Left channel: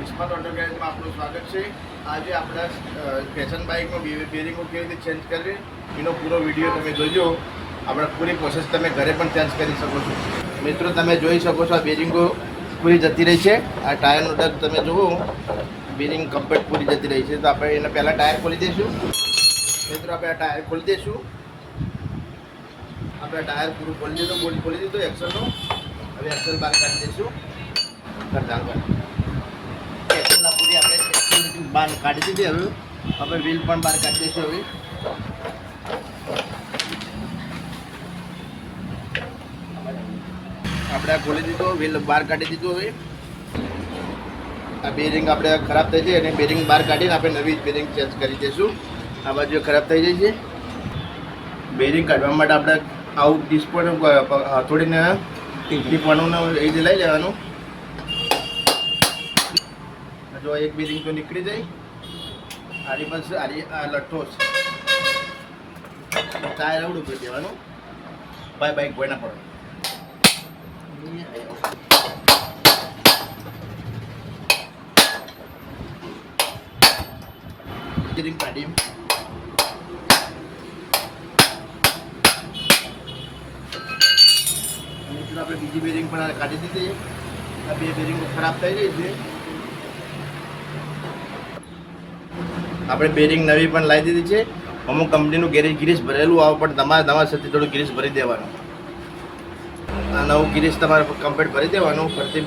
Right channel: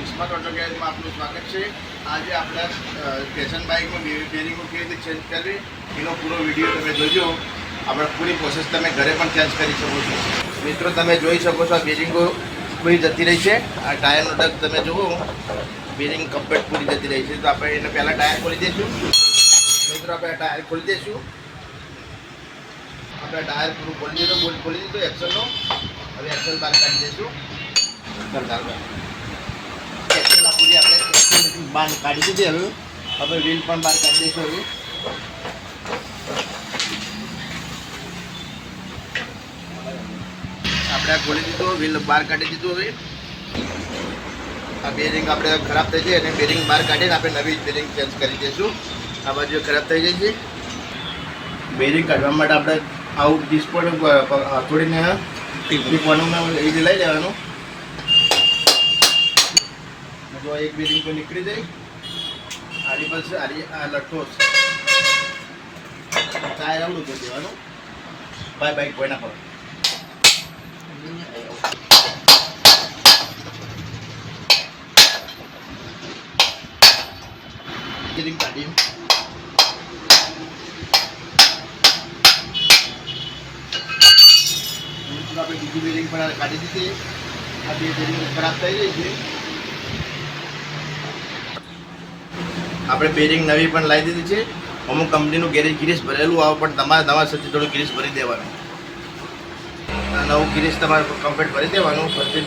વિસ્મત auto ગેરેજમાં આપનું સ્વાગત છે। આજે આપણા ફેશન બાઇકમાં બેરિંગો કેવી રીતે ચેન્જ કરવી એનો પૂરો વિડીયો તમે જોજો। આપણે પૂરી પ્રોસેસ તમે ઘરે પણ ચેન્જ કરી શકો છો। મિત્રો તમે જોઈ શકો છો આ બેરિંગો પૂરી જતી રહી છે। આ ટાયરનો ડગ તમે જુઓ, બેરિંગ કમ્પ્લીટ પૂરી જતી રહી છે। તો આપણે એને પહેલાં ટાયર ખોલી દઈશું। મિત્રો આપણે આ ટાયર ખોલી દઈશું। આપણે ટાયર પૂરું ખોલી દીધું, બોલ્ટ ખોલી દીધું એક્સલનો। હવે એક્સલ બહાર કાઢી દઈશું। એક્સલના પૂરી આપણે બહાર કાઢી દીધી। હવે વ્હીલ પણ બહાર કાઢી દઈશું। હવે આપણે આ ખોલી દીધું, વ્હીલ બહાર કાઢી દીધું। હવે આ બેરિંગ આપણે ખરાબ થઈ જાય અને બેરિંગ બહાર કાઢીને આપણે નવી બેરિંગ ચેન્જ કરી દઈશું। આ બાજુ ખરાબ થઈ જાય છે। બેરિંગ કાઢવા માટે આપણે આવું ડિસ્પોન થોડીને ટીપવાનું એ લઈ લેવાનું। જો એક બેરિંગ તો નીકળી જાય, આની પાસે આ લઠ્ઠો ટાયર આવડું કરી દેવાનું। બાઈક કોઈ ના પડે। બેરિંગ કાઢી આપણે બીજી બેરિંગ પણ કાઢી દીધી। આ બે બેરિંગ ખરાબ થઈ ગઈ છે। આપણે બેરિંગ નવી પણ લાવી દીધી છે। અમુક કંપનીનું ગેરેજ ગ્રીસ ભરેલું આવે, પણ તમારે તમારા સાથે થોડું ગ્રીસ ભરી દેવાનું। નવું ગ્રીસ તમારે કમ્પ્લીટ ભરી દેવાનું। પછી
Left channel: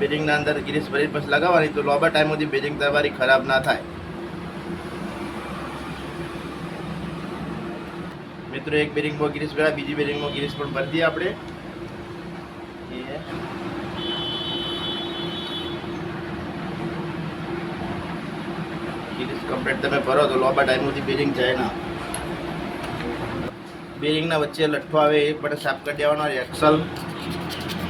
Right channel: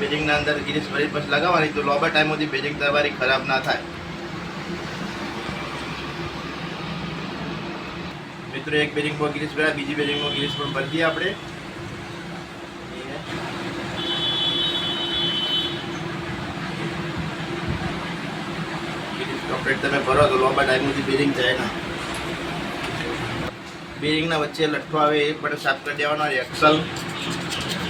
બેરિંગના અંદર ગ્રીસ ભરી પછી લગાવવાની, તો લાંબા ટાઈમ સુધી બેરિંગ તમારી ખરાબ ના થાય। મિત્રો એક બેરિંગમાં ગ્રીસ ભર્યા, બીજી બેરિંગમાં ગ્રીસ પણ ભરી દઈએ આપણે। કમ્પ્લીટ તમે ભરો તો લાંબા ટાઈમ સુધી બેરિંગ જાય ના। બેરિંગના વચ્ચે લઠ્ઠો આવે એ પણ સાફ કરી દેવાનો। એક્સલ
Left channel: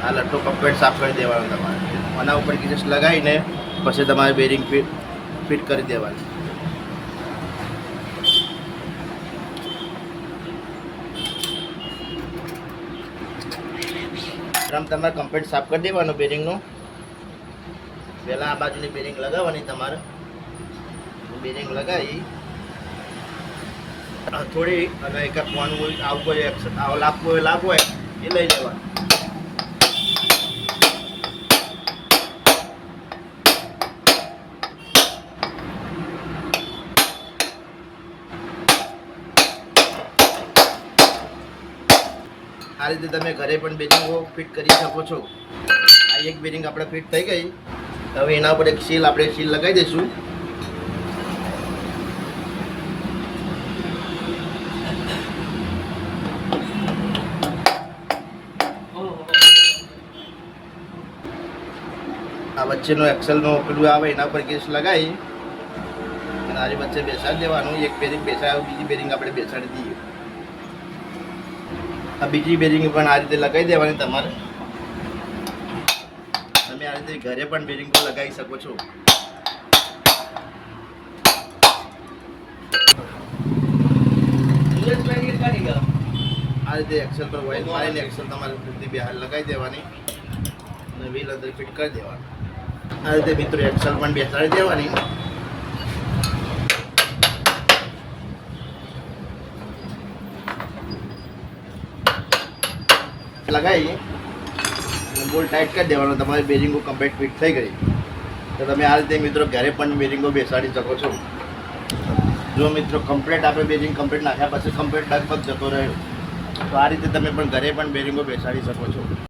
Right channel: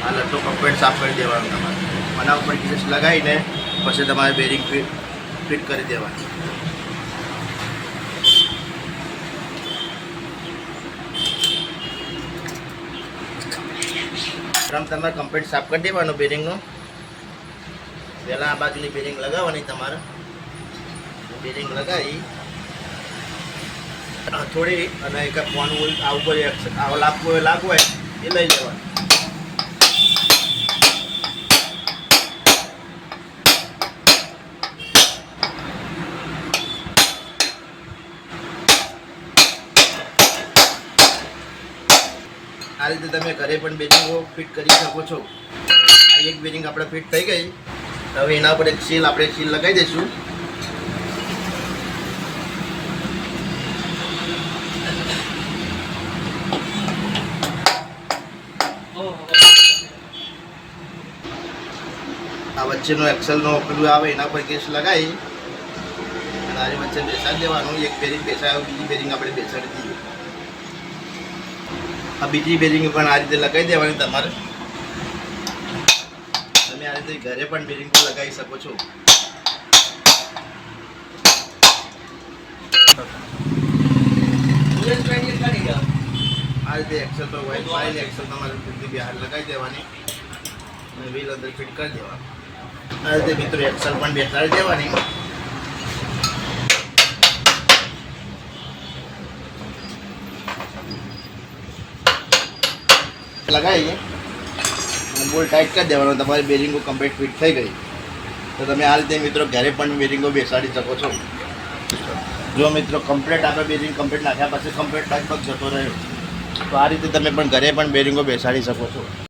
આ લઠ્ઠો કમ્પ્લીટ સાફ કરી દેવાનો તમારે। આના ઉપર ગ્રીસ લગાવીને પછી તમારે બેરિંગ ફિટ કરી દેવાની। તમારે કમ્પ્લીટ સાફ કરી દેવાનો બેરિંગનો। પહેલાં આ બાજુની બેરિંગ લગાવવાની તમારે। બેરિંગ લગાવી થોડી અને એક ફોન આવું કોઈ લાગવું હોય એ લઈ લેવાનું। આ રીતે તમે ઘરે પણ બેરિંગો ફિટ કરી શકો છો। આ એક બેરિંગ આપણે ફિટ થઈ ગઈ। હવે એના ઉપર એક સીલ લગાવી દઈશું। આ વચ્ચેનો એક્સલનો પેલું આવે એના પર કેસ લગાવી અને આની વચ્ચે બેસાડી દેવાનું। એક બેરિંગ બેસાડ્યો, બીજી બેરિંગ આપણે બેસાડી દઈએ। આ બીજી બેરિંગ પણ આ રીતે લગાવી દેવાની તમારે। તમે આ રીતે ઘરે પણ બેરિંગ પણ લગાવી શકો છો। આ રીતે એક્સલ પર વાઇટ મારીને એક્સલ તમારે પૂરતી બહાર લગાવી દેવાની અને વ્હીલ અંદર ફિટ કરી દેવાની। આ રીતે મિત્રો એક્સલ પણ બેસાડી દેવાની। લગાવીએ બોલ ટાઈટ કરી દેવાનો। તમારી બેરિંગો કમ્પ્લીટ ફિટ થઈ ગઈ। તો તમે આ રીતે મિત્રો ઘરે પણ બેરિંગો બેસાડી શકો છો। જો મિત્રો કમ્પ્લીટ આપણે બેરિંગ કમ્પ્લીટ નાખ્યા પછી કમ્પ્લીટ લગભગ જતો રહ્યો, તો આ રીતે તમે પણ ઘરે પણ બેરિંગો બેસાડી શકો છો।